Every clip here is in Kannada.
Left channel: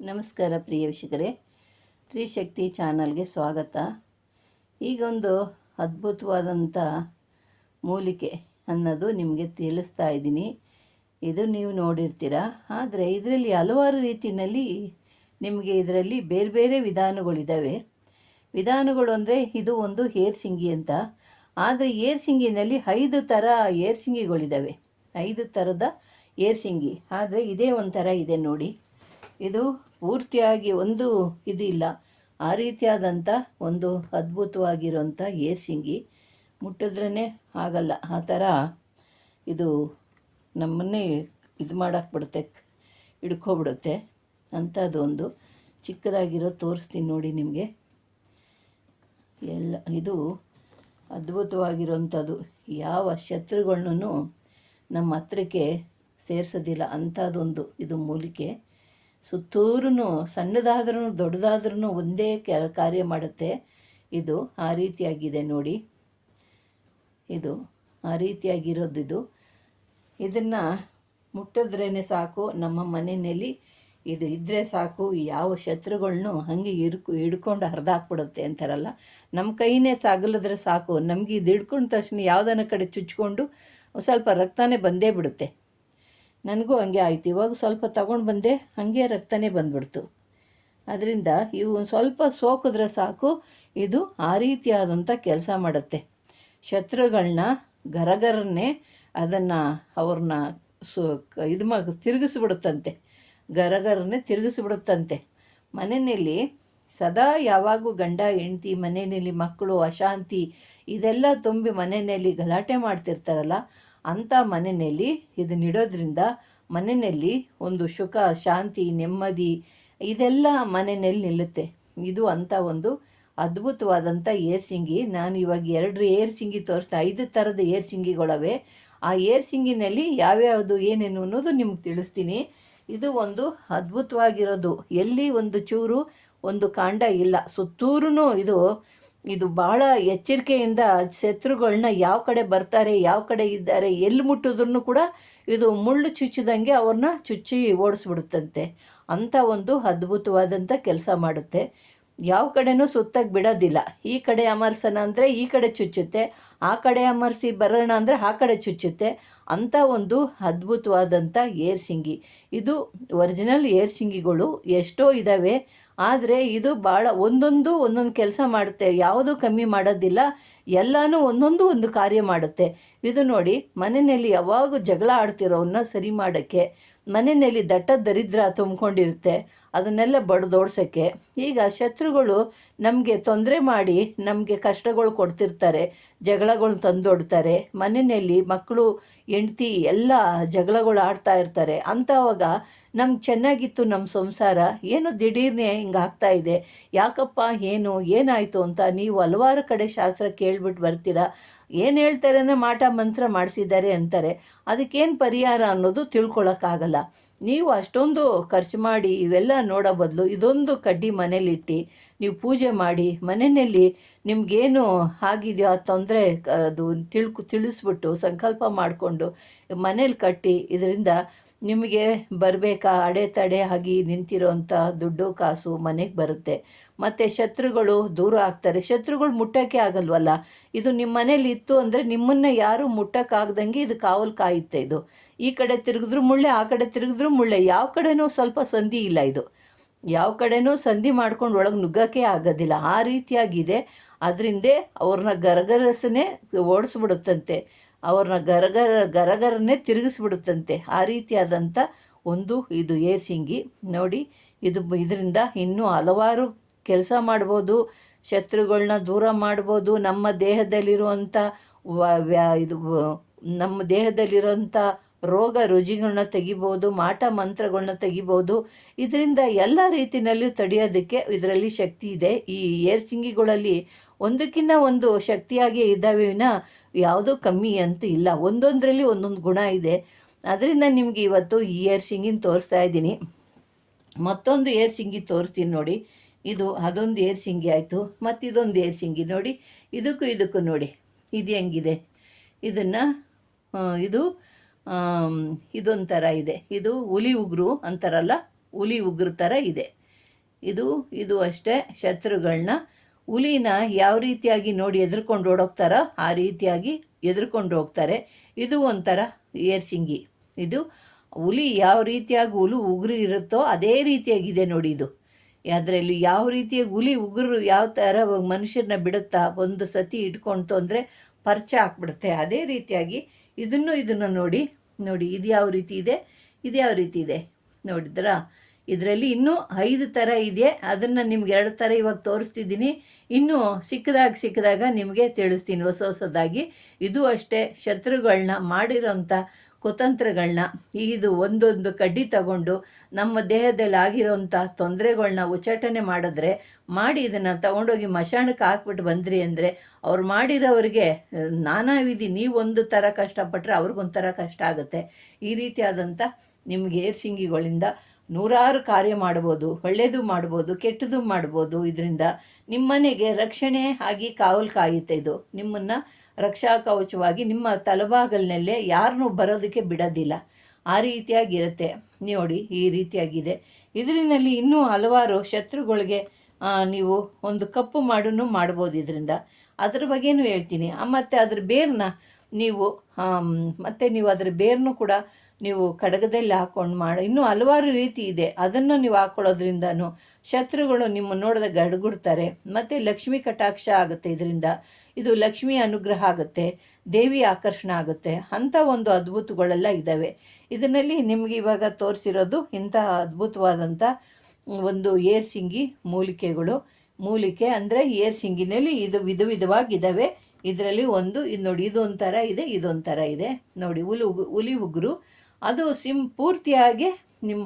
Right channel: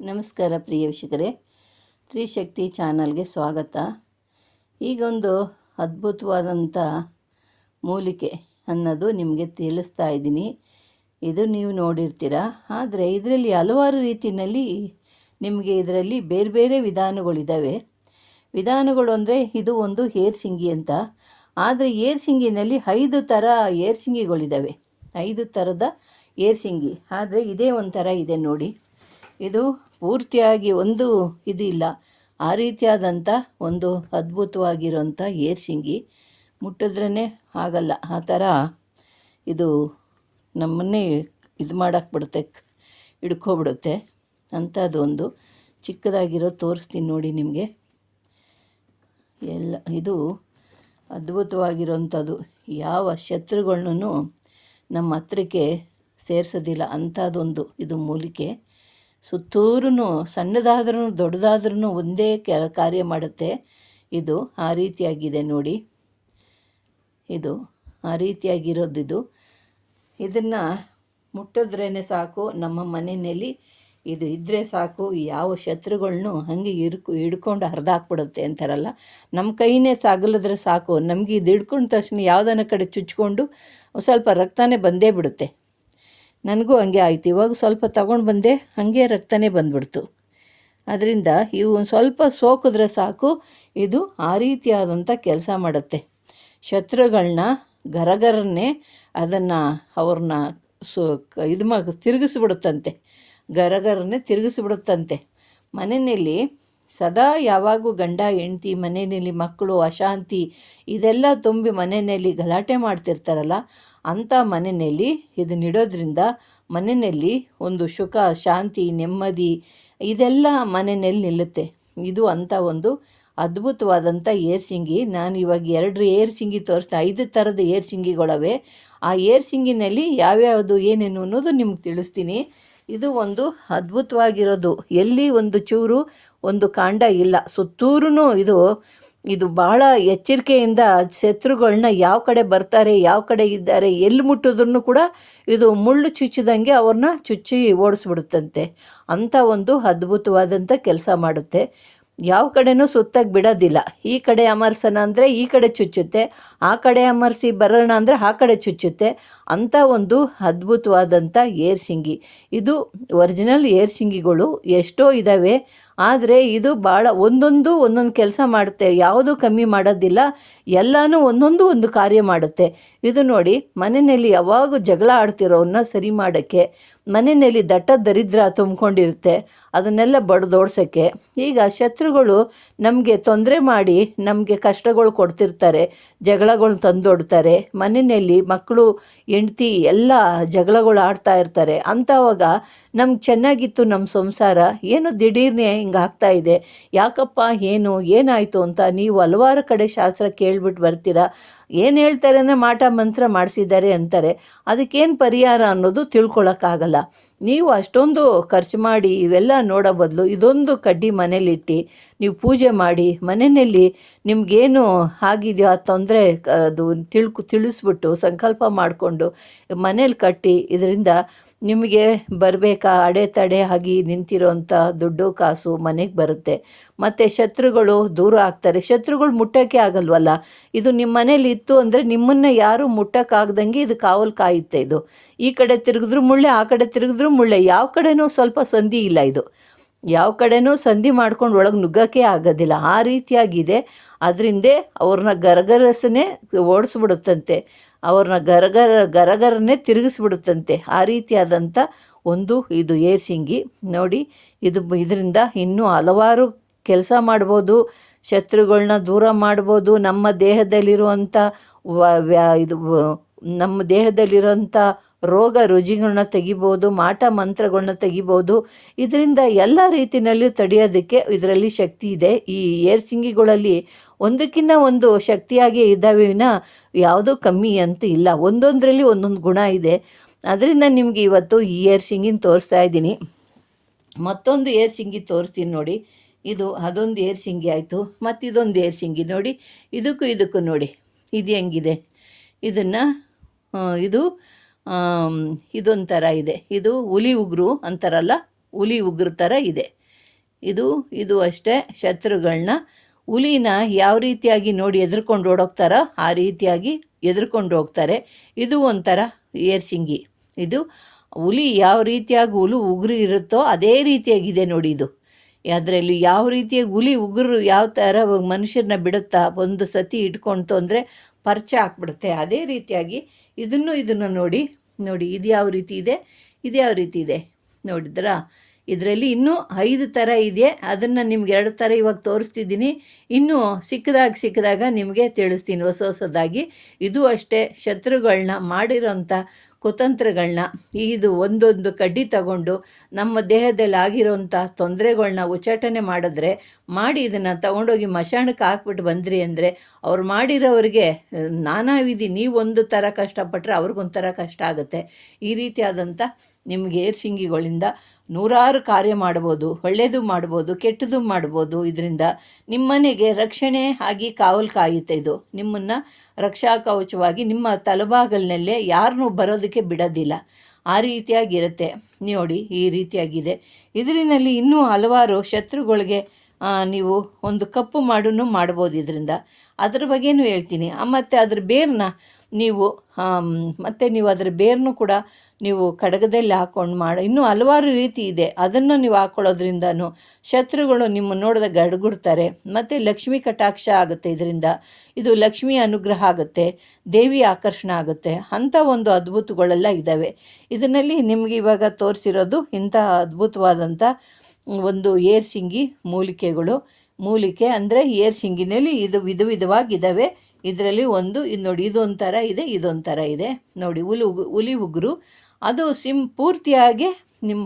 ನಮಸ್ಕಾರ ಪ್ರಿಯ ವೀಕ್ಷಕರೇ. ತ್ರಿಶಕ್ತಿ ಚಾನಲ್ಗೆ ಸ್ವಾಗತ. ಈಗೊಂದು ಅದ್ಭುತವಾದಂಥ ಮೂಲಿಕೆ ಅನ್ನೋದು ನಿಮಗೆ ತಿಳಿಸ್ತಾ ಇದ್ದೀನಿ. ಇದು ನೀವು ನೋಡಿರ್ತೀರ. ಆದರೆ ಇದರಲ್ಲಿ ಹಲವಾರು ರೀತಿಯಲ್ಲಿ ನಿಮಗೆ ಇದರಲ್ಲಿ ಬೇರೆ ಬೇರೆ ವಿಧಾನಗಳಿದ್ದಾವೆ ವಿಧಾನಗಳು ಅಂದರೆ ಇದು ಒಂದು ಏರ್ ಸಿಂಗಿ ಅಂತ. ಆದರೆ ಏರ್ ಸಿಂಗಿನಲ್ಲಿ ಐದು ಥರ ಏರ್ ಸಿಂಗಿಗಳಿದ್ದಾವೆ ಐದು ಥರದ ಏರ್ ಸಿಂಗಿ. ಆದರೆ ಇದೇ ಒಂಥರ ಇದೆ ನೋಡಿ. ಇದು ಪೂರ್ತಿಯಾಗಿ ಒಂದು ಇದಿಲ್ಲ. ಆ ರೀತಿಯಾದಂಥ ಒಂದು ಅದ್ಭುತವಾಗಿರೋಂಥ ಏರ್ಸಿಂಗಿ ಮುಟ್ಟಿದ್ರೇ ಆಗಲ್ಲ. ಆ ಥರ ಇದು ನಮ್ಮನ್ನೇ ಇದು ಮಾಡೋಕೆ ಬಿಡುತ್ತೆ, ಹಿಡ್ಕೊಬಿಡುತ್ತೆ. ಅಂಥದ್ದೊಂದು ಚಿಕ್ಕದಾಗಿರೋ ತೋರಿಸ್ತೀನಿ ನೋಡಿ ನಿಮಗೆ. ಎಲ್ಲ ಇದು ಅದ್ಭುತವಾಗಿರೋಂಥದ್ದು ಯಾವ ಶತ್ರುಗಳನ್ನೂ ನಮ್ಮ ಹತ್ರಕ್ಕೆ ಸೇರಿಸೋದಿಲ್ಲ. ಅಂಥದ್ದೊಂದು ಇದು ಮೂಲಿಕೆ. ಸುತ್ತೂರು ಸಣ್ಣದಾದ್ರೂ ದೊಡ್ಡದಾದ್ರೂ ಒಂದೇ ಕಾರ್ಯ ಮಾಡುತ್ತೆ. ಇದು ಆ ರೀತಿಯಾಗಿದೆ ನೋಡಿ. ಇದು ಆ ರೀತಿಯಾಗಿರೋದು ಇದು. ಇದನ್ನು ಮುಟ್ಟಿದ್ರೇ ಸಾಕು, ನಮ್ಮ ಮನೆಯಲ್ಲಿ ಇದು ಇದ್ದರೆ ಸಾಕು, ಯಾವ ಶತ್ರುಗಳನ್ನೂ ಹಾಗೆ ಇರ್ಕು ಹಿಡ್ಕೊಂಡು ಹರಿದಾಕ್ಬಿಡುತ್ತೆ ಅಂತಾರಲ್ಲ. ನಮ್ಮ ಕೈನೇ ಸಾಗಲಿದ್ರೆ ಸಾಕು. ನಮಗೆ ಇದು ಹಿಡ್ಕೊಂಡ ತಕ್ಷಣ ಯಾವುದನ್ನ ಕಡೆ ಚುಚ್ಕೊಂಡು ಸ್ವಲ್ಪ ರಕ್ತನೇ ಬಂದೇ ಬಿಡುತ್ತೆ. ನನಗೂ ಹಂಗೆ ಆಯ್ತು. ಇವಾಗ ಸ್ವಲ್ಪ ತಗೊಂಡು ಬಂದೆ, ಹಾಗೆ ರಕ್ತನೇ ಬಂದ್ಬಿಡ್ತು. ಅದರಿಂದ ಇವು ಸ್ವಲ್ಪ ಸೋಕಿದ್ರೆ ಸಾಕು, ಇದು ಆ ರೀತಿಯಾದಂಥ ಕೆಲಸ ಮಾಡುತ್ತೆ. ಶತ್ರುಗಳನ್ನ ಗರಗರನ್ನೇ ಅದನ್ನು ಅವ್ರನ್ನ ಸು ಇದು ಮಾ, ತಿರುಗಿಸ್ಬಿಡುತ್ತಂತೆ. ಗರಗರನ್ನೇ ತಿರುಗಿಸ್ಬಿಡುತ್ತಂತೆ. ಮನೆಯಲ್ಲಿ ಸದಾ ಯಾವಾಗೂ ಗಂಡ, ಹೆಂಡ್ತಿ, ಮನೆಯಲ್ಲಿ ಮಕ್ಕಳು, ಅಶಾಂತಿ ಇದೆಲ್ಲ ತುಂಬಿ ಮನೆಯಲ್ಲಿ ಗಲಾಟೆ ಮಾಡ್ತಿರ್ತಾರಲ್ಲ, ಅಂಥ ಮನೆಯಲ್ಲಿ ಇದನ್ನಿಡೋದ್ರಿಂದ ಮನೆಯಲ್ಲಿ ಒಂದು ಸುಖ, ಶಾಂತಿ, ನೆಮ್ಮದಿ ಇದೆಲ್ಲ ಮನೆಯಲ್ಲಿ ನಿಲ್ಲುತ್ತೆ. ಇದು ಅಂಥ ಒಂದು ಅದ್ಭುತವಾದಂಥ ಏರ್ಸಿಂಗಿ ನಾನು ಇವಾಗ ಎರಡು ಏರ್ಸಿಂಗಿ ತೋರಿಸ್ತಾ, ಐದು ಥರದ ಏರ್ಸಿಂಗಿಗಳವೆ ಆ ಏರ್ಸಿಂಗಿನಲ್ಲಿ ಯಾವ್ಯಾವುದು, ಏನೇನು ಅನ್ನೋದು ನಿಮ್ಗೆ ತಿಳಿಸ್ತೀನಿ. ಇದು ಒಂದು ಅದ್ಭುತವಾಗಿರೋದು. ಎಲ್ಲಿ ಒಂದು ಚೂರು ಒಂದು ಕಾಂಡ ಇಲ್ಲ. ಸುತ್ತೂರು ಇದು ಇದು ಬಹಳ ಎಚ್ಚರಿಕೆಯಿಂದ ಶತ್ರುಗಳನ್ನ ಯಾವ ಕಡೆ ಬರ್ತಾರೆ, ಯಾವ ಕಡೆ ಇದ್ದಾರೆ, ಎಲ್ಲಿ ಮುಟ್ಟಿದ್ರು ಕೂಡ ಇದು ಮುಳ್ಳು ಚುಚ್ಚಿದಂಗೆ ಅವ್ರನ್ನ ಚುಚ್ಚಿ ಓಡಿಸ್ಬಿಡುತ್ತಂತೆ. ಅಂಥ ಒಂದು ಅದ್ಭುತವಾದಂಥ ಕೆಲಸ ಮಾಡುತ್ತೆ. ಯಾವ ಕಡೆನೂ ಸುತ್ತಾಗಿ ಬಿಡೋದಿಲ್ಲ. ಈ ಕಡೆ ಅಮರ್ಸೋಣ ಅಂದರೆ ಈ ಕಡೆ ಚುಚ್ಚುತ್ತೆ, ಆ ಕಡೆ ಅಮರ್ಸಿ ಬರೋಣ ಅಂದರೆ ಆ ಕಡೆ ಚುಚ್ಚುತ್ತೆ. ಅಂಥ ಒಂದು ಅದ್ಭುತವಾದಂಥ ಏರ್ ಸಿಂಗಿ. ಇದು ಒರಿಜಿನಲ್ ಏರ್ಸಿಂಗಿಗಳು ಎಷ್ಟೋ ಇದ್ದಾವೆ ಆದರೆ ಇದು ಭಾಳ ಒಂದೊಂದು ಒಂದೊಂದು ಕೆಲಸ ಮಾಡುತ್ತೆ. ಯಾವುದೂ ಕಮ್ಮಿ ಮಾಡೋದಿಲ್ಲ. ಎಲ್ಲನೂ ಒಂದೊಂದು ಒಂದು ಕಾರ್ಯ ಮಾಡುತ್ತೆ. ಇದು ನೋಡಿ ಮನೆಯಲ್ಲಿ ಯಾವಾಗ ಜಗಳ ಆಡ್ತಿರೋನ್ನ ಸರಿ ಮಾಡೋಕ್ಕೆ ಮನೆಯಲ್ಲಿ ದಟ್ಟ ದರಿದ್ರ ತುಂಬಿಕೊಂಡಿರುತ್ತೆ. ಅದನ್ನೆಲ್ಲ ಬಡ್ದೋಡ್ಸೋಕ್ಕೆ. ಈಗ ಶತ್ರುಗಳು ನಮಗೆ ತೊಂದರೆ ಮಾಡಿ ನಮಗೆ ಕಷ್ಟಗಳು ಕೊಡ್ತಿರ್ತಾರೆ. ಜಗಳಗಳು ತಂದೊಡ್ತಾರೆ. ಮನೆಯಲ್ಲಿ ಮಕ್ಕಳು, ಹೆಂಡ್ತಿ ಎಲ್ಲ ಜಗಳಗಳು ಆಡ್ತಾ ಇರ್ತಾರೆ. ಅಂಥವಾಗ ನಮ್ಗೆ ಚೆನ್ನಾಗಿತ್ತು ನಮ್ಮ ಸಂಸಾರ. ಏನು ದಿಢೀರ್ನೆ ಹಿಂಗೆ ಆಗ್ತಾ ಇದೆ. ಯಾಕಪ್ಪ, ಏನು, ಏನಾಯಿತು ಅಂತ ನೀವು ಹಲವಾರು ಕಡೆ ಶಾಸ್ತ್ರ ಕೇಳ್ಬಿಟ್ಟು ಬರ್ತೀರಾ? ಏನು ಹೇಳ್ತಾರೆ ಅಂದರೆ ಮಾಟ ಮಂತ್ರ ಮಾಡಿಸಿದ್ದಾರೆ ಅಂತಾರೆ. ಅದಕ್ಕೇನು ಪರಿಹಾರ ಅನ್ನೋದು ತಿಳ್ಕೊಳಕ್ಕಾಗಲ್ಲ. ನೀವು ಅಷ್ಟೊಂದು ಖರ್ಚು ಮಾಡಿ ಇವೆಲ್ಲ ನೋಡೋ ಬದಲು ಇದೊಂದು ಕಡ್ಡಿ ಮನೇಲಿಟ್ಟು ನೀವು ಪೂಜೆ ಮಾಡಿ ಮನೆಯಲ್ಲಿ ನಿಮಗೇನು ಆಗಿದೆಯೋ ಆ ತೊಂದರೆ ಅದು ತಿಳ್ಕು ತಿಳಿಸ್ಬಿಟ್ಟು ಸಂಕಲ್ಪ ಮಾಡಿಕೊಂಡು ಮನೇಲಿ ಕಟ್ಟಿ ಇದರಿಂದ ನಿಮಗೆ ಬರಬೇಕಾ ಅಡೆತಡೆ ಆಗಿ ನಿಂತಿರೋಂಥ ದುಡ್ಡು ಕಾಸು ಮನೆಗೆ ಬರುತ್ತೆ. ಮತ್ತು ಶತ್ರುಗಳು ದೂರ ಆಗ್ತಾರೆ. ಶತ್ರುಗಳು ಮುಟ್ಟೋಕ್ಕೆ ಆಗಲ್ವಲ್ಲ? ಇದು ನಿಮ್ಮ ಮನೇಲಿ ಇತ್ತು ಅಂದರೆ ನಿಮ್ಮನ್ನು ಯಾರು ಮುಟ್ಟೋಕ್ಕಾಗ್ದಂಗೆ ಇದು ಕಾವಲು ಕಾಯುತ್ತೆ ಇದು. ಈ ಕಡೆ ತಿರುಗಿದ್ರು ಮುಳ್ಳೆ, ಆ ಕಡೆ ತಿರುಗಿದ್ರು ಮುಳ್ಳೆ, ಯಾವ ಕಡೆನೂ ಸ್ವಲ್ಪ ಸಂಧಿ ಇಲ್ಲ ಇದು. ಯಾವ ಕಡೆನೂ ಸಂಧಿ ಮಾಡ್ಕೊಂಡು ಒಳಗೆ ನುಗ್ಗೋಕ್ಕೆ ಆಗೋದಿಲ್ಲ. ಆ ರೀತಿಯಾಗಿದೆ. ಅದರಿಂದ ಅವ್ರನ್ನ ಗರಗರಸನೇ ಓಡಿಸ್ಬಿಡುತ್ತಂತೆ. ಅವ್ರನ್ನ ಗರಗರ, ಗರಗರನ್ನೇ ತಿರುಗಿಸ್ಬಿಡುತ್ತಂತೆ. ಆ ರೀತಿಯಾದಂಥ ಒಂದು ಇದು ಏರ್ಸಿಂಗಿ ನೋಡಿ, ಇದು ಇದರಿಂದ ಇನ್ನೂ ಹಲವಾರು ಕೆಲಸ ಮಾಡ್ಬೋದು. ಶತ್ರುಗಳನ್ನ ದೂರ ಮಾಡ್ಬೋದು. ನಮ್ಮ ದೇಹದಲ್ಲಿರುವಂಥ ಇದು, ನಮ್ಮ ದೇಹದಲ್ಲಿರೋಂಥ ರೋಗ ರುಜಿಗಳನ್ನ ತೆಗಿಬೋದು, ಮಾಟ ಮಂತ್ರಗಳನ್ನ ತೆಗಿಬೋದು. ಇದರಿಂದ ಎಲ್ಲ ರೀತಿಯಲ್ಲೂ ತಡೆಯೋದಕ್ಕೆ ಇದರಲ್ಲಿ ಶಕ್ತಿ ಇದೆ. ಈ ಏರ್ಸಿಂಗಿಗಳಲ್ಲಿ ಒಂದಕ್ಕಿಂತ ಒಂದು ಶಕ್ತಿಯಾಗಿ ಇದ್ದಾವೆ ವಿನ ಯಾವುದೂ ಕಮ್ಮಿ ಅಂತ ಇಲ್ಲ. ಒಂದೊಂದರಲ್ಲಿ ಒಂದೊಂದು ಗುಣ ಇದೆ. ಅದರಿಂದ ನಿಮಗೆ ಇವತ್ತು ಈ ಏರ್ಸಿಂಗಿನ ತೋರಿಸ್ತಾ ಇದ್ದೀನಿ. ಮತ್ತೊಂದು ಏರ್ಸಿಂಗಿ ತೋರಿಸ್ತೀನಿ ನೋಡಿ. ಇದು ಅದೊಂದು ಏರ್ಸಿಂಗಿ ಆಯಿತು. ಮತ್ತು ಇದೊಂದು ಏರ್ಸಿಂಗಿ ನೋಡಿ. ಇದಕ್ಕೂ ಇದಕ್ಕೂ ನೋಡಿ. ಇದು ಹೆಂಗಿದೆ? ಇದನ್ನು ಇದು ಇದೊಂಥರ ಇದೆ. ಇದು ಹುಲಿ ಉಗುರು ಅಂತಾರಲ್ಲ, ಹುಲಿ ಉಗ್ರ ಥರ ಇದೆ. ಇದು ಇದು ಅಷ್ಟೇ ಶತ್ರುಗಳನ್ನ ಹುಲಿನ ಯಾವ ರೀತಿಯಾಗಿ ನೋಡಿ ಎದುರ್ಕೊಂಡು ಓಡೋಗ್ತಾರೋ ಆ ರೀತಿಯಾಗಿ ಎದುರ್ಕೊಂಡು ಹೋಗ್ತಾರೆ. ಇದು ಒಂಥರ ಏರ್ಸಿಂಗಿ ಇದು ಹುಲಿ ಯಾವ ರೀತಿಯಾಗಿ ಹುಲು ಉಗುರು ಇರುತ್ತೋ ಅದೇ ರೀತಿಯಾಗಿದೆ ನೋಡಿ ಇದು. ಅದರಲ್ಲಿ ಯಾವ ರೀತಿಯಾಗಿ ಹುಲಿ ಉಗುರು ಯಾವ ಥರ ಮನುಷ್ಯರನ್ನ ಬಿಡುತ್ತಾ ಒಂದು ಸತಿ ಇಟ್ಕೊಳ್ತು ಅಂದರೆ ಪರ್ಚ ಹಾಕ್ಬಿಡುತ್ತೆ ಅದೇ ರೀತಿಯಾಗಿ ಇದನ್ನು ಇದನ್ನು ನೋಡಿ ನೋಡಿ ಇದು ಯಾವ ರೀತಿ ಇದೆ, ಇದು ಯಾವ ರೀತಿ ಇದೆ. ನೋಡಿದ್ರಾ? ಇದರಲ್ಲಿ ಇನ್ನೂ ಐದು ಥರ ಇದೆ. ಅದನ್ನು ನಿಮ್ಗೆ ಎರಡು ಥರ ಇವಾಗ ತೋರಿಸ್ತಿದ್ದೀನಿ. ಇನ್ನೂ ಸಿಕ್ಕದಾಗ ಸಿಕ್ಕದಾಗ ನಿಮಗೆ ತಿಳಿಸ್ತೀನಿ ಹೊಸ ಹೊಸದಾಗಿ. ಇದು ಅಷ್ಟೇ ಶತ್ರುಗಳನ್ನ ಮಾಡಿರೋಂಥ ಕುತಂತ್ರಗಳನ್ನ ಇದು ಒಂದೊಂದು ಕಡ್ಡಿ ತಗೊಂಡು ನಮ್ಮ ದೇಹದಲ್ಲಿ ಆಗಿರೋಂಥ ತೊಂದರೆಗಳನ್ನ ಉಚ್ಚಾಟನೆ ಮಾಡಿದ್ರೆ, ಮಾಡಿ ಇದನ್ನು ತಗೊಂಡೋಗಿ ಮಶಾಣಕ್ಕೆ ಹಾಕ್ಬಿಟ್ಟು ಬಂದ್ರಿ ಅಂದರೆ ಅವ್ರು ಮಾಡಿರೋರಿಗೆ, ನಾನಾ ವಿಧಿ ನೀವೊಂದು ಥರ ಕಷ್ಟಪಟ್ಟರೆ ಅವ್ರಿಗೊಂಥರ ಕಷ್ಟ ಆಗುತ್ತೆ. ಈ ರೀತಿಯಾದಂಥ ನಿಮಗೆ ಏರ್ಸಿಂಗಿಗಳಿಂದ ನೂರಾರು ಕಾರ್ಯ ಮಾಡ್ಬೋದು ಒಳ್ಳೆಯದು ಮಾಡ್ಬೋದು ಕೆಟ್ಟದ್ದು ಮಾಡ್ಬೋದು. ಇದರಿಂದ ನಿಮ್ಮನೆಗೆ ರಕ್ಷಣೆ ಆಗಿ ಕಾವಲು ಕಾಯುತ್ತೆ ಇದು. ನಿಮ್ಮನ್ನು ರಕ್ಷಾ ಕವಚವಾಗಿ ನಿಮ್ಮ ತಲೆಬಾಗಲಿನಲ್ಲೇ ಯಾರನ್ನೂ ಬರೋದಕ್ಕೆ ಬಿಡೋದಿಲ್ಲ. ಆ ರೀತಿಯಾಗಿರುತ್ತೆ. ನೋಡಿ, ಈ ರೀತಿಯಾಗಿದೆ. ಇದರಿನಲ್ಲಿ ಇನ್ನೂ ಹಲವಾರು ಶತ್ರುಗಳಿಗೆ ನೀವು ಒಂದು ಕಪ್ಪು ಮಾಡೂ ಮಾಡ್ಬೋದು ಇದರಿಂದ. ಅದ್ರ ಬಗ್ಗೆನೂ ಹೇಳ್ತೀನಿ. ಮತ್ತು ಅದ್ರ ಬೇರನ್ನ ನೀವು ಮತ್ತು ನೀವು ಅದರ ಬೇರನ್ನು ಕೂಡ ನೀವು ಕಡಗದಲ್ಲಿ ಹಾಕ್ಕೊಂಡು ಮಾಡಿ, ಇನ್ನೂ ಹಲವಾರು ರೀತಿ ಇದೆ. ಅದನ್ನು ನೀವು ಹಾಕ್ಕೊಳ್ಳೋದ್ರಿಂದನೂ ಶತ್ರುಗಳು ನಿಮ್ಮ ನೋಡಿದ ಗಡ್ಗುಡ್ತಾರೆ. ಮತ್ತು ಲಕ್ಷ್ಮಿ ಕಟಾಕ್ಷ ಆಗುತ್ತೆ ಇದರಿಂದ. ಇದು ಲಕ್ಷ್ಮಿ ಅನುಗ್ರಹ ಆಗುತ್ತೆ, ದೇವಿ ಆಕರ್ಷಣೆ ಆಗುತ್ತೆ. ಅಂಥ ಒಂದು ಅದ್ಭುತಗಳೆಲ್ಲ ಇದ್ದಾವೆ. ಇದರಲ್ಲಿ ನಿಮಗೆ ಇವಾಗ ತೋರಿಸಿರೋದು ಇಂಥ ಅದ್ಭುತವಾದಂಥ ಒಂದು ಏರ್ಸಿಂಗಿ ಮೂಲಿಕೆಗಳು. ಮೂಲಿಕೆ ಅಂದರೆ ಏರ್ಸಿಂಗಿನಲ್ಲಿ ಇದು ವಿಧ ವಿಧವಾಗಿದ್ದಾವೆ. ಇದರಲ್ಲಿ ಒಂದು, ಇದು ನೋಡಿ ಇದೊಂಥರ ಇದೆ ಇದೊಂಥರ ಇದೆ. ನೋಡಿ, ಹುಲಿ ಹುಲಿ ಉಗುರು. ಅದು ಸಿಮ್ ಪೂರ್ತಿಯಾಗಿ ನಿಮ್ಮ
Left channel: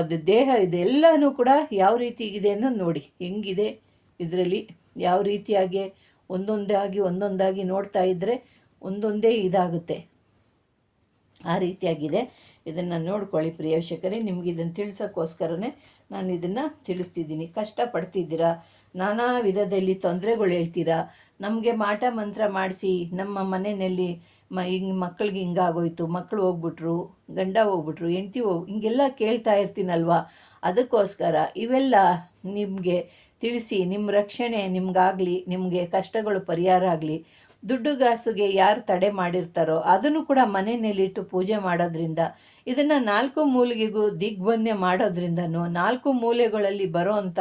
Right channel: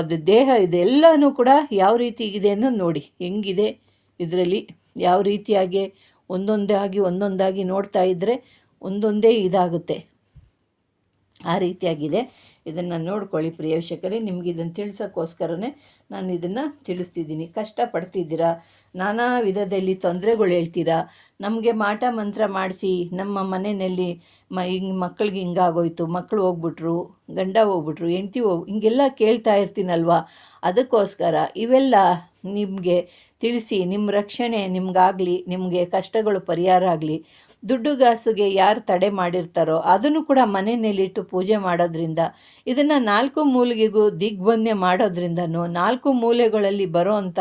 ಅದು ದೇಹ ಇದೆಲ್ಲನೂ ಕೂಡ ಯಾವ ರೀತಿ ಇದೆ ಅನ್ನೋದು ನೋಡಿ, ಹೆಂಗಿದೆ ಇದರಲ್ಲಿ. ಯಾವ ರೀತಿಯಾಗಿ ಒಂದೊಂದಾಗಿ ಒಂದೊಂದಾಗಿ ನೋಡ್ತಾ ಇದ್ದರೆ ಒಂದೊಂದೇ ಇದಾಗುತ್ತೆ. ಆ ರೀತಿಯಾಗಿದೆ. ಇದನ್ನು ನೋಡ್ಕೊಳ್ಳಿ ಪ್ರಿಯವಶಕರೇ ನಿಮ್ಗೆ ಇದನ್ನು ತಿಳಿಸೋಕ್ಕೋಸ್ಕರನೇ ನಾನು ಇದನ್ನು ತಿಳಿಸ್ತಿದ್ದೀನಿ. ಕಷ್ಟಪಡ್ತಿದ್ದೀರಾ? ನಾನಾ ವಿಧದಲ್ಲಿ ತೊಂದರೆಗಳು ಹೇಳ್ತೀರಾ? ನಮಗೆ ಮಾಟ ಮಂತ್ರ ಮಾಡಿಸಿ ನಮ್ಮ ಮನೆಯಲ್ಲಿ ಮ, ಹಿಂಗೆ ಮಕ್ಳಿಗೆ ಹಿಂಗಾಗೋಯ್ತು ಮಕ್ಕಳು ಹೋಗ್ಬಿಟ್ರು, ಗಂಡ ಹೋಗ್ಬಿಟ್ರು, ಹೆಂಡ್ತಿ ಹೋಗಿ, ಹಿಂಗೆಲ್ಲ ಕೇಳ್ತಾ ಇರ್ತೀನಲ್ವಾ? ಅದಕ್ಕೋಸ್ಕರ ಇವೆಲ್ಲ ನಿಮಗೆ ತಿಳಿಸಿ ನಿಮ್ಮ ರಕ್ಷಣೆ ನಿಮಗಾಗಲಿ, ನಿಮಗೆ ಕಷ್ಟಗಳು ಪರಿಹಾರ ಆಗಲಿ. ದುಡ್ಡು ಗಾಸುಗೆ ಯಾರು ತಡೆ ಮಾಡಿರ್ತಾರೋ ಅದನ್ನು ಕೂಡ ಮನೆಯಲ್ಲಿಟ್ಟು ಪೂಜೆ ಮಾಡೋದ್ರಿಂದ, ಇದನ್ನು ನಾಲ್ಕು ಮೂಲಿಗೆಗೂ ದಿಗ್ಬಂಧೆ ಮಾಡೋದ್ರಿಂದನೂ, ನಾಲ್ಕು ಮೂಲೆಗಳಲ್ಲಿ ಬರೋ ಅಂಥ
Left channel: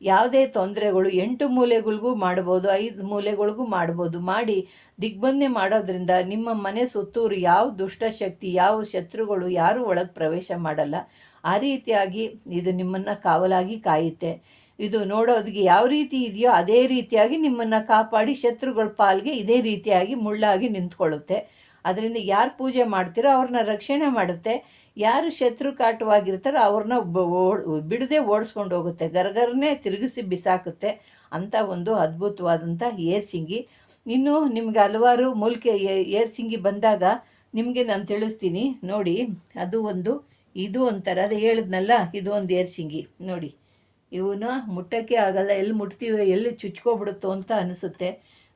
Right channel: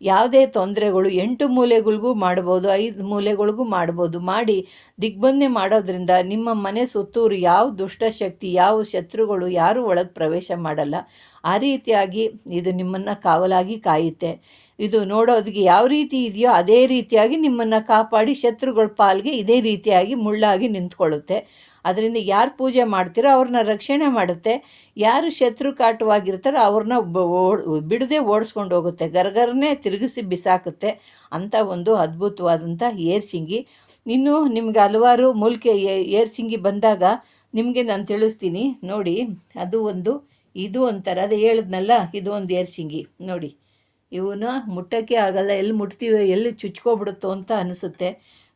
ಯಾವುದೇ ತೊಂದರೆಗಳು ಎಂಟು ಮೂಲೆಗಳಿಗೂ ಮಾಡ್ಬೋದು, ಐದು ಮೂಲೆಗಳಿಗೂ ಮಾಡ್ಬೋದು ಮಾಡಿ ದಿಗ್ಬಂಧೆ ಮಾಡೋದ್ರಿಂದ ನಿಮ್ಮ ಮನೆ ಸುತ್ತೂರು ಯಾವ ದುಷ್ಟಶಕ್ತಿ, ಯಾವ ಶತ್ರುಗಳು ಯಾರೂ ಒಳಗೆ ಪ್ರವೇಶ ಮಾಡಲ್ಲ. ಆ ರೀತಿಯಾಗಿ ಇದು ನಿಮ್ಮನ್ನು ಕಾವಲಾಗಿ ಕಾಯುತ್ತೆ. ಇದು ನೋಡೋದಕ್ಕೆ ಯಾವ ರೀತಿ ಇದೆಯೋ ಅದೇ ರೀತಿಯಾಗಿ ನಿಮ್ಮನ್ನು ಕಾಪಾಡಿ ಶತ್ರುಗಳ ಪಾಲ್ಗೆ ಇದೇ ರೀತಿಯಾಗಿ ಮುಳ್ಳಾಗಿ ನಿಂತ್ಕೊಳ್ಳುತ್ತೆ. ಅದರಿಂದ ಯಾರು ಪೂಜೆ ಮಾಡ್ತೀರೋ ಅವ್ರನ್ನ ರಕ್ಷಣೆ ಮಾಡುತ್ತೆ. ಯಾರು ಶತ್ರು ಕಾಟವಾಗಿರ್ತಾರೋ ಅವ್ರನ್ನ ಬಿಡದೆ ಓಡಿಸ್ಕೊಂಡು ಹೋಗುತ್ತೆ. ಗರ್ಗರನೇ ತಿರುಗಿಸಿ ಬಿಸಾಕುತ್ತೆ. ಅಂಥ ಒಂದು ಅದ್ಭುತವಾದಂಥ ಏರ್ಸಿಂಗಿ ಇನ್ನು ನಿಮಗೆ ಹಲವಾರು ಮೂಲಿಕೆ ಏರ್ಸಿಂಗಿ ಬಂದಾಗ ನಿಮಗೆ ನಾನು ತಿಳಿಸ್ತೀನಿ. ನೋಡಿ, ಅದು ಒಂದು, ಇದು ಒಂಥರ, ಅದು ಹೇಳಿದ್ನಲ್ಲ, ಇದು ಒಂದು ಏರ್ಸಿಂಗಿ ನೋಡಿ. ಇವನ್ನ ಮುಟ್ಟೋಕ್ಕೆ ಆಗಲ್ಲ, ಎಲ್ಲಿ ಮುಟ್ತೀವೋ, ಎಲ್ಲಿ ಚುಚ್ಕೊಬಿಡುತ್ತೋ ಅಂತ ಅನಿಸುತ್ತೆ.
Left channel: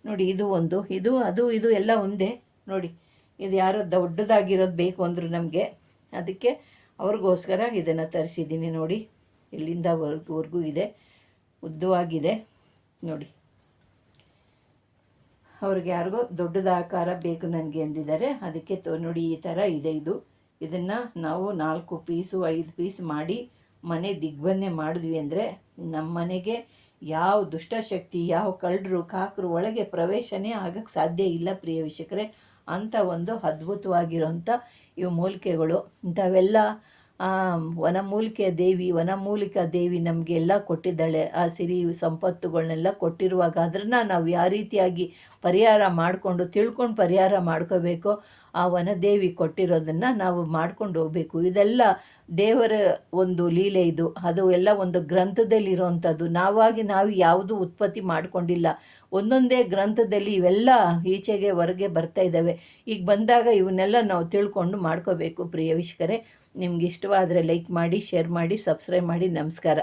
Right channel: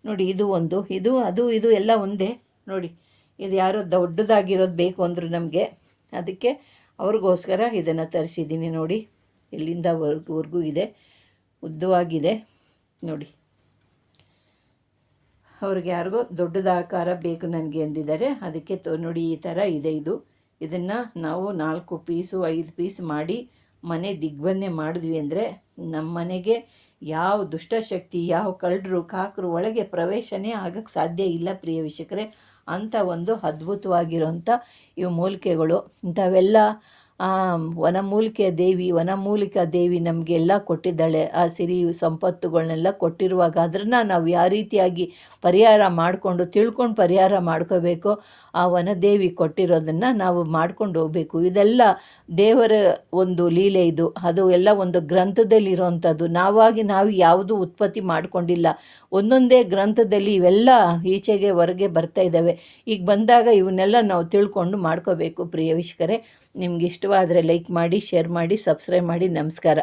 ನೋಡಿ, ಇದು ಒಂದು, ಇದು, ಅದು, ಇದು ಎಲ್ಲ ಒಂದೇ. ನೋಡಿ, ಇದು ಯಾರೋ ದೊಡ್ಡದಾಗಿರೋದು ಬೇಕು ಅಂದರು ನಮಗೆ. ಅದಕ್ಕೆ ಅವ್ರಿಗೋಸ್ಕರ ಇದನ್ನು ತರಿಸಿದ್ದೀನಿ ನೋಡಿ. ಇಲ್ಲಿಂದ ವರ್ಗವರೆಗೂ ಇದೆ, ಉದ್ದವಾಗಿದೆ. ನೋಡಿ. ಅವ್ರಿಗೆ ಯಾರಿಗೋ ದೊಡ್ಡದ ಆಕಾರ ಬೇಕು ನನಗೆ ಅಂದಿದ್ದಾರೆ. ಅದಕ್ಕೆ ತೊ, ನೋಡಿ, ಈ ಥರ ಇದೆ ಇದು. ಇದನ್ನು ನಾವು ನಾಲ್ಕು ಪೀಸು, ಐದು ಪೀಸ್ ಮಾಡಿ ಮನೆ ದಿಗ್ಬಂಧನೆ ಮಾಡಿದ್ವಿ ಅಂದರೆ ನಮ್ಮ ಮನೆಗೆ ಯಾವ ದುಷ್ಟಶಕ್ತಿ ಯಾವ ಕಳ್ಳರು, ಕಾಕರು ಒಳಗೆ ಪ್ರವೇಶನೇ ಆಗಕ್ಕೆ ಸಾಧ್ಯ ಇಲ್ಲ ಪ್ರಿಯ ವೀಕ್ಷಕರೇ. ಅಂಥ ಒಂದು ಅದ್ಭುತವಾಗಿರೋಂಥ ಇವು ಮೂಲಿಕೆಗಳು. ಇಂಥವೆಲ್ಲ ವನಮೂಲಿಕೆ ದೇವಿ ವನಮೂಲಿಕಾ ದೇವಿ ನಮಗೆಲ್ಲ ಕೊಟ್ಟಿದ್ದಾಳೆ. ಆ ಸಿರಿ ಸಂಪತ್ತುಗಳನ್ನೆಲ್ಲ ಕೊಟ್ಟಿರುವಾಗ ಅದನ್ನು ನಾವು ಯಾವ ರೀತಿಯಾಗಿ ಪರಿಹಾರ ಮಾಡಿಕೊಂಡು, ತಿಳ್ಕೊಂಡು ಪರಿಹಾರ ಮಾಡ್ಕೋಬೇಕೋ. ಆ ವನದೇವಿ ಕೊಟ್ಟಿರೋದನ್ನು ನಾವು ಮಾಡ್ಕೊಂಡು ಹೋಗಬೇಕು. ಇದೆಲ್ಲ ದೇವರ ಒಂದು ಲೀಲೆ ಇದು. ಅದು ಎಲ್ಲ ಒಂದು ಗ್ರಂಥದಲ್ಲಿರುವಂಥದ್ದು. ನಾವಾಗಿ ನಾವು ಯಾವುದು ಉತ್ಪತ್ತಿ ಮಾಡಿಕೊಂಡಿಲ್ಲ. ಒಂದೊಂದೇ ಗ್ರಂಥದಲ್ಲಿ ಇವೆಲ್ಲ ಈಚೆಗೆ ಹೊರಗೆ ಬರ್ತಾ ಇದ್ದಾವೆ. ಈಗ ಬಂದಾಗ ಇವನ್ನೆಲ್ಲ ನಾವು ತಿಳ್ಕೊಂಡು ಮಾಡ್ಕೋಬೇಕು, ಪ್ರಿಯ ನಿಮ್ಗೆ ಇಷ್ಟವಾದರೆ ಲೈಕ್ ಮಾಡಿ ಶೇರ್ ಮಾಡಿ ಸಬ್ಸ್ಕ್ರೈಬ್ ಮಾಡಿ ನಮಸ್ಕಾರ.